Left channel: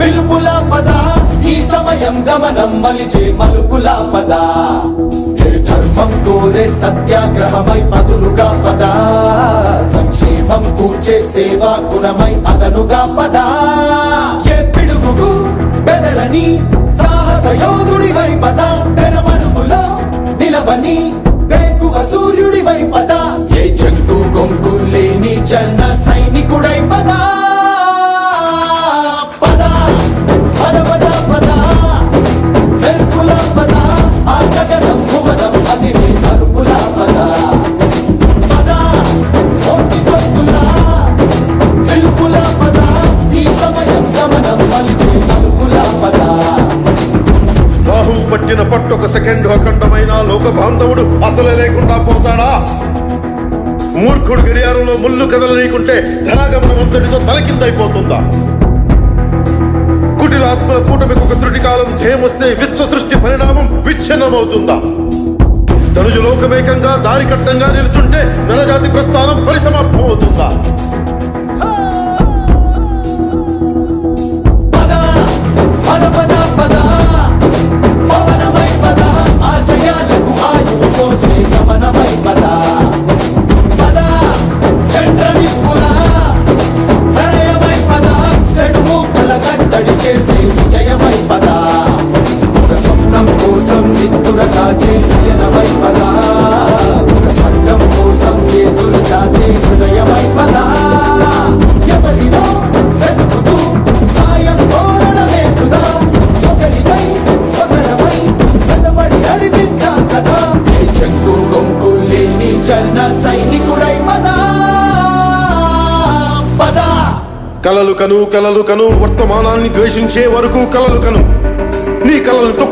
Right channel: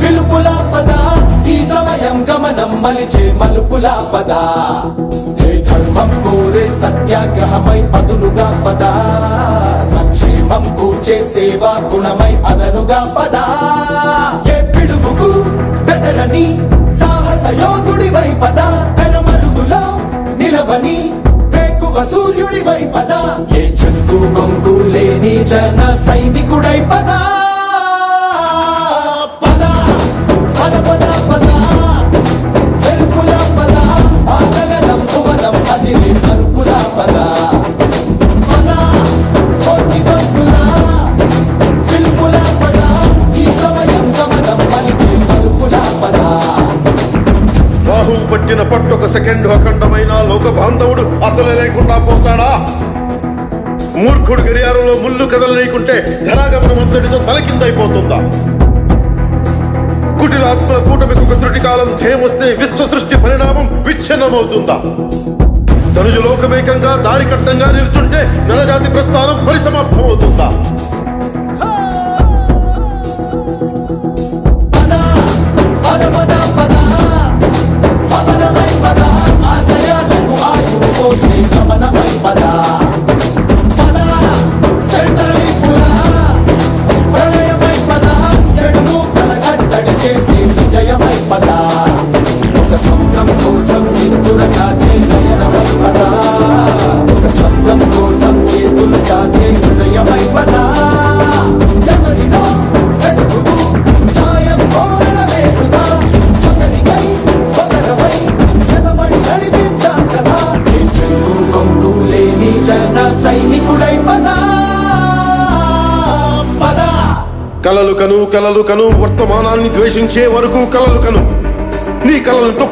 పిలుపుల పద ఈ సమయం గమనం మలిచే మలుపుల పద ఏ ధర్మం కోరే సత్యాగ్రహమై పదులుగా పద సంక్షేమం కూర్చే సేవా గుణమై అదనుగా పద ఏ పిడుగుకు బెదరని సాహస యోధుడివై పద తెరమరుగులో నిలవని వేకువ సూర్యుడివై పద ఏ చెంగు కొంకు లేని జన సైనికుడై పద రాహు పట్టిన పట్టొక సెకండ్ అఖండమైన లోక బాంధవుడు అసలే లేకుండా పోతాడా? మూర్ఖుడు గడియారంలో ముళ్ళు కదలనీకుంటే ధనాగమనం అంతటితో తలకిందైపోతుందా? కుటిలాత్మల కూటమికి ఒక త్రుటి కాలం జయమొస్తే విశ్వ సృష్టి పరిణామం విచ్ఛిన్నమవుతుందా? ధనుజు లోకమేకంగా దారి కట్టంగా నిలుచుంటే నలజాతి ప్రస్థానం పరిసమాప్తమవుతుందా? కలలు కను వర్తమానాన్ని ద్వేషించే వరకు కలలు కను నీ కలలతో